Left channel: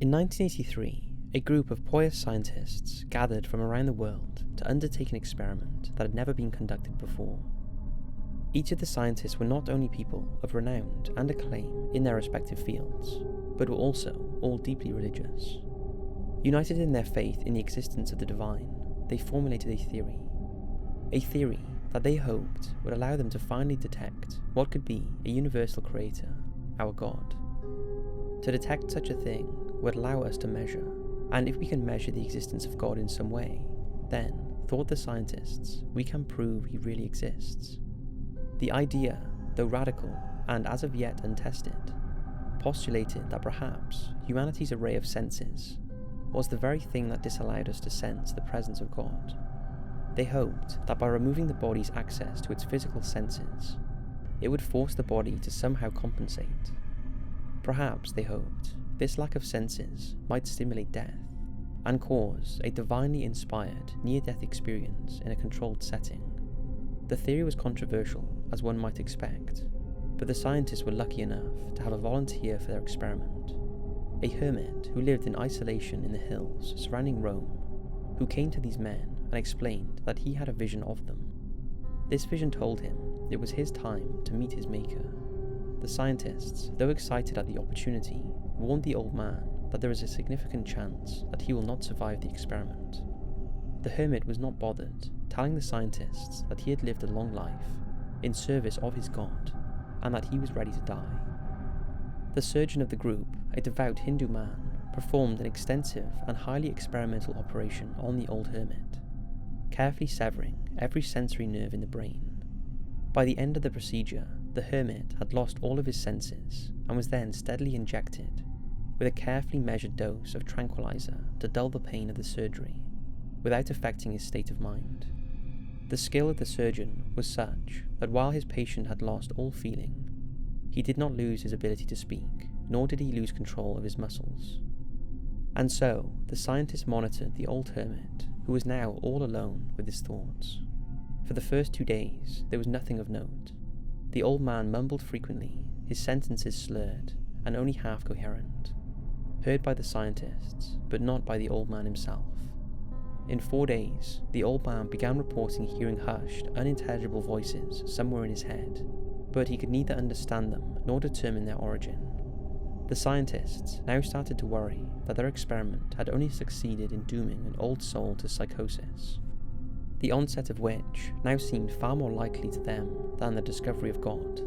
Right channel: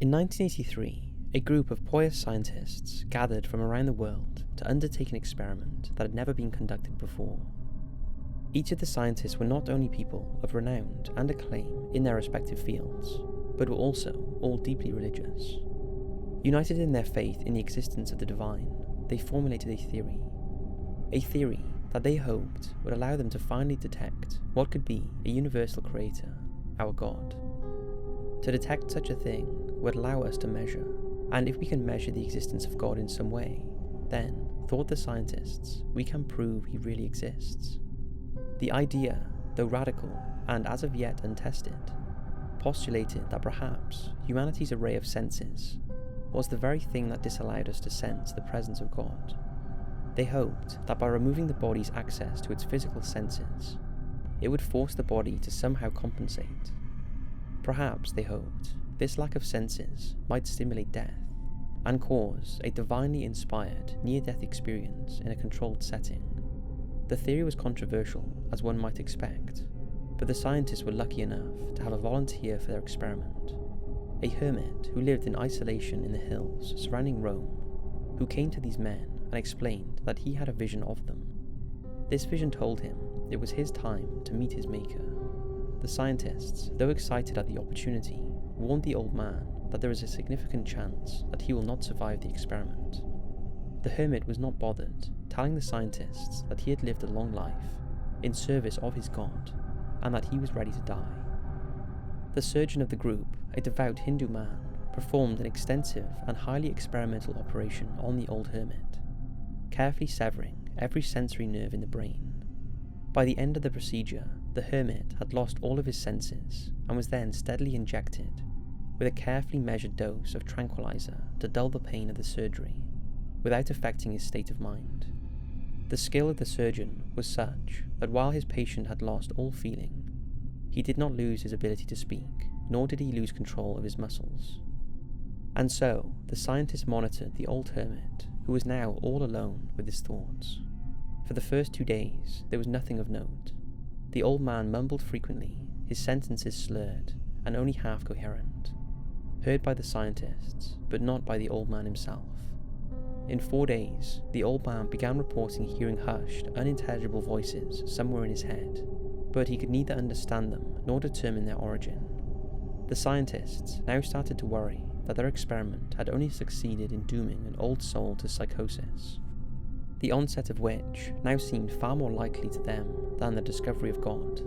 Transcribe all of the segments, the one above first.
In 1983, a group of pious scientists gathered from around the world to undertake an experiment that had never been conducted before. Each of the scientists were not only people of renown and acclaim in their respective fields, but were also all deeply religious. United in their faith in the existence of the divine, they formulated a theory that they hoped would allow them to finally detect what could be a universal creator, our God. To detect such a thing would allow us to measure, and if we can measure the existence of God in some way, then, thought the scientists, we can prove he really exists. The idea, though radical and as of yet untested, postulated that perhaps humanity's array of senses was the very thing that disallowed us to sense the presence of God. They hoped that by removing the body's access to its physical senses, it would force the body to somehow compensate. Perhaps, they hoped, this lack of senses might stimulate death and cause a divinely inspired near-death experience in a controlled setting. The theory was controversial, as one might expect, but the scientists were lucky enough to have a volunteer for their experiment, a hermit who lived in isolation in the hills surrounding Rome, who came to these men and explained that he had a vision of them. This vision told him it was his time to meet his maker. The scientists, though excited at the opportunity, warned the old man that there is a significant chance that he will not survive the experiment. The hermit was not bothered, telling the scientists that he had lived a long life in service of his God and that he was ready to die. The surgeon of the group, a devout Hindu man, performed an extensive and highly experimental operation on the old hermit, carefully severing every sensory nerve in the brain. By the end of the procedure, the hermit had lost all of his senses and was then steadily injected with a carefully measured dose of tranquilizer to dull the pain of the surgery, without affecting his state of mind. The skill of the surgeon was such that while his patient had lost all feeling, he did not lose his ability to speak, nor did he lose control of his muscles. And so, the scientist monitored the old hermit, who was now all alone with his thoughts. For the first 2 days, there was nothing of note. The old man mumbled frequently, his sentences slurred, and only half coherent, heard by the scientists, but not by the old man himself. In 4 days, the old man began reporting hearing hushed, unintelligible voices somewhere in his head, but he could neither understand them nor determine their origin. The scientists now started to worry that their experiment had only succeeded in dooming an old soul to psychosis, the onset of which now seemed far more likely to them than the discovery of God.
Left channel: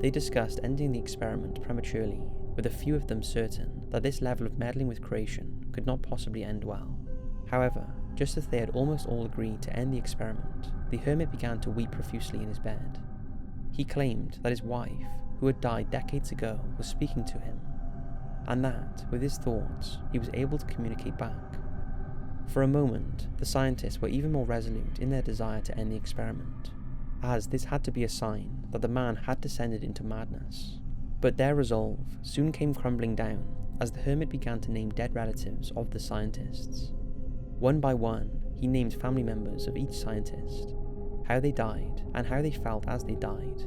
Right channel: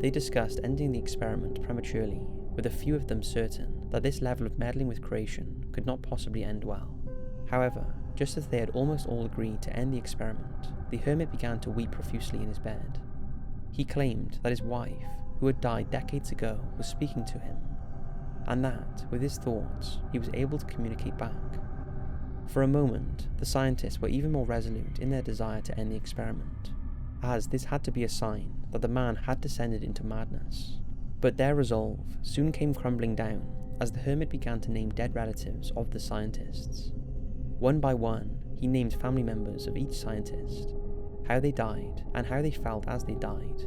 They discussed ending the experiment prematurely, with a few of them certain that this level of meddling with creation could not possibly end well. However, just as they had almost all agreed to end the experiment, the hermit began to weep profusely in his bed. He claimed that his wife, who had died decades ago, was speaking to him, and that, with his thoughts, he was able to communicate back. For a moment, the scientists were even more resolute in their desire to end the experiment, as this had to be a sign that the man had descended into madness. But their resolve soon came crumbling down as the hermit began to name dead relatives of the scientists. One by one, he named family members of each scientist, how they died and how they felt as they died,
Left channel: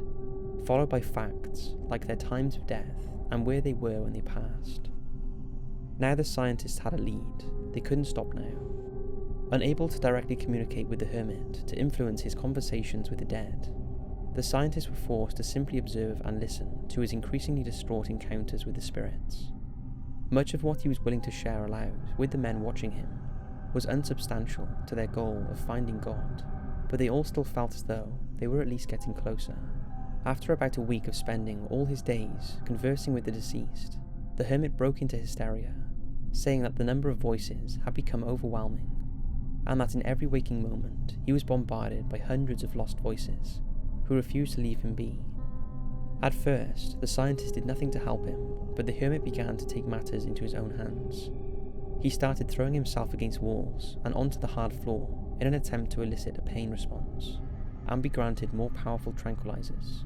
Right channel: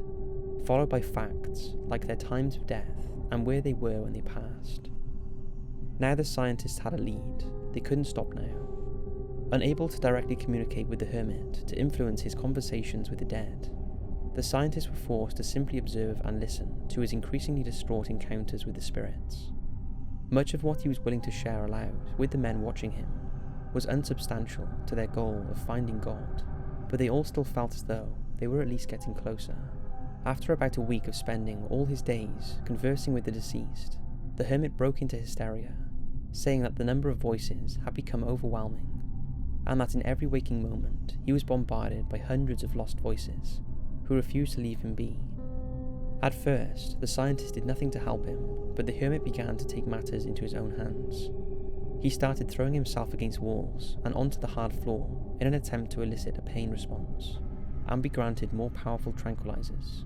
followed by facts like their times of death and where they were when they passed. Now the scientists had a lead. They couldn't stop now. Unable to directly communicate with the hermit to influence his conversations with the dead, the scientists were forced to simply observe and listen to his increasingly distraught encounters with the spirits. Much of what he was willing to share aloud with the men watching him was unsubstantial to their goal of finding God, but they all still felt as though they were at least getting closer. After about a week of spending all his days conversing with the deceased, the hermit broke into hysteria, saying that the number of voices had become overwhelming, and that in every waking moment he was bombarded by hundreds of lost voices who refused to leave him be. At first, the scientist did nothing to help him, but the hermit began to take matters into his own hands. He started throwing himself against walls and onto the hard floor in an attempt to elicit a pain response, and be granted more powerful tranquilizers.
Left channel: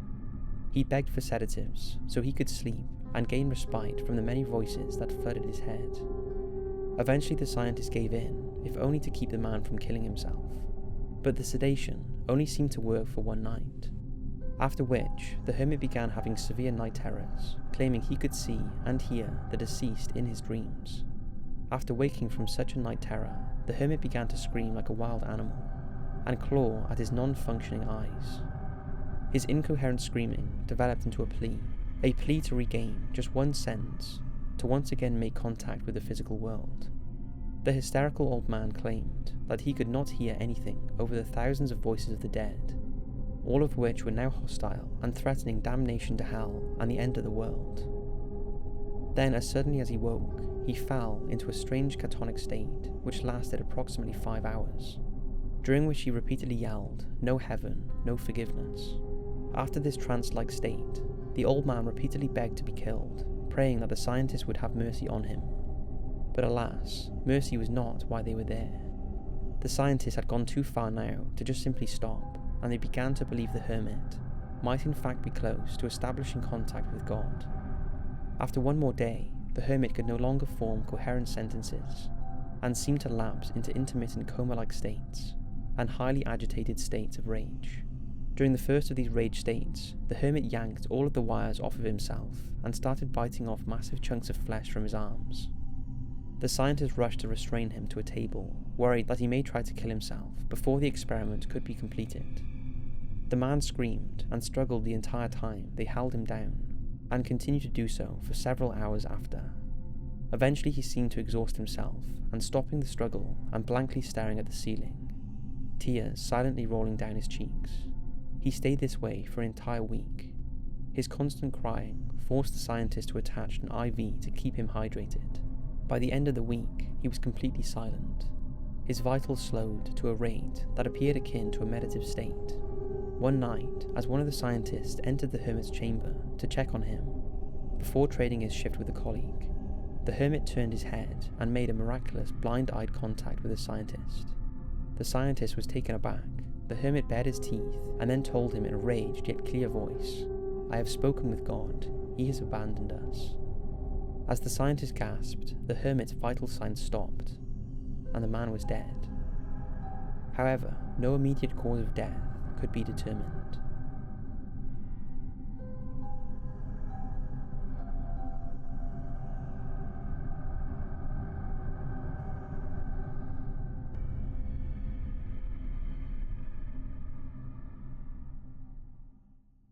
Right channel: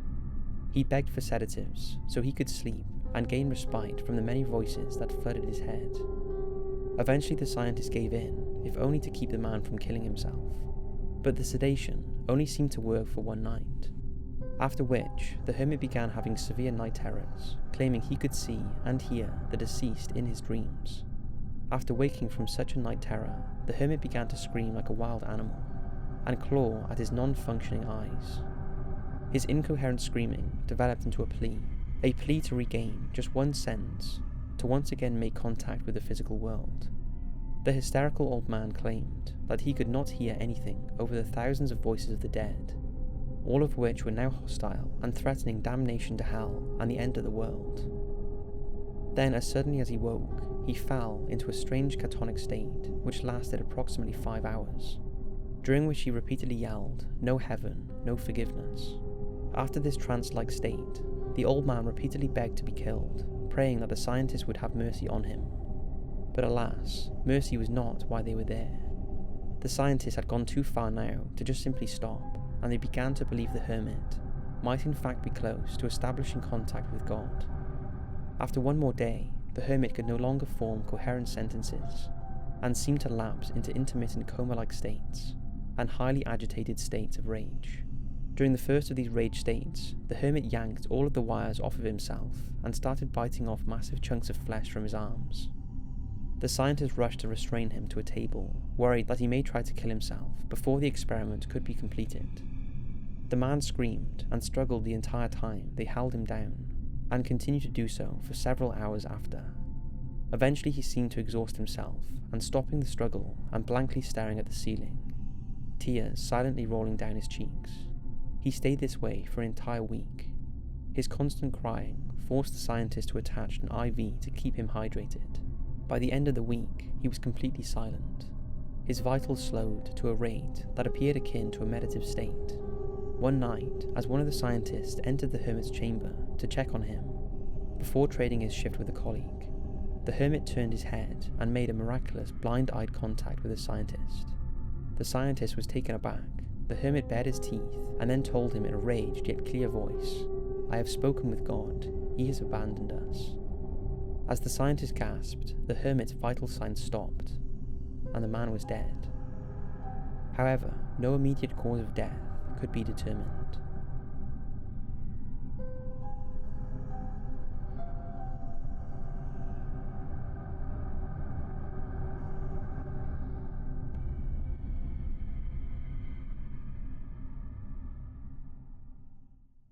He begged for sedatives so he could sleep and gain respite from the many voices that flooded his head. Eventually the scientist gave in, if only to keep the man from killing himself, but the sedation only seemed to work for one night, after which the hermit began having severe night terrors, claiming he could see and hear the deceased in his dreams. After waking from such a night terror, the hermit began to scream like a wild animal, and claw at his non-functioning eyes. His incoherent screaming developed into a plea to regain just one sense, to once again make contact with the physical world. The hysterical old man claimed that he could not hear anything over the thousands of voices of the dead, all of which were now hostile and threatening damnation to hell and the end of the world. Then, as suddenly as he woke, he fell into a strange catatonic state which lasted approximately 5 hours, during which he repeatedly yelled, "No heaven, no forgiveness." After this trance-like state, the old man repeatedly begged to be killed, praying that the scientists would have mercy on him. But alas, mercy was not why they were there. The scientists had gone too far now to just simply stop, and they began to believe the hermit might in fact be close to establishing contact with God. After one more day, the hermit could no longer form coherent sentences, and seemed to lapse into intermittent coma-like states, and highly agitated states of rage. During the first of these rage states, the hermit yanked all of the wires off of himself, and started biting off massive chunks of flesh from his arms. The scientists rushed to restrain him to a table, worried that he may try to kill himself before the experiment could be completed. The man screamed and struggled the entire time they held him down, and continued to do so for several hours after. Eventually he seemed to exhaust himself, and stopping the struggle and blankly staring at the ceiling, tears silently rolling down his cheeks. He stayed this way for an entire week. His constant crying forced the scientist to attach an IV to keep him hydrated. By the end of the week, he was completely silent. His vitals slowed to a rate that appeared akin to a meditative state. One night, as one of the scientists entered the hermit's chamber to check on him, before trading his shift with a colleague, the hermit turned his head and made a miraculous blind-eyed contact with the scientist. The scientist was taken aback. The hermit bared his teeth and then told him in a raged yet clear voice, "I have spoken with God, he has abandoned us." As the scientist gasped, the hermit's vital signs stopped, and the man was dead. However, no immediate cause of death could be determined.